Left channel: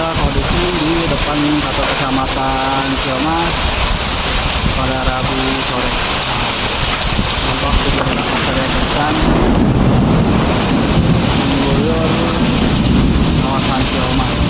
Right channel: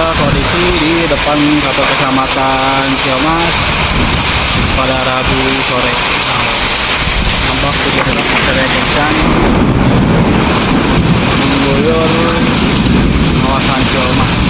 inilah kondisi di depan kantor kecamatan Ciamas pada Rabu sore. Nampak hujan deras material kencang mengguyur kawasan Ciamas.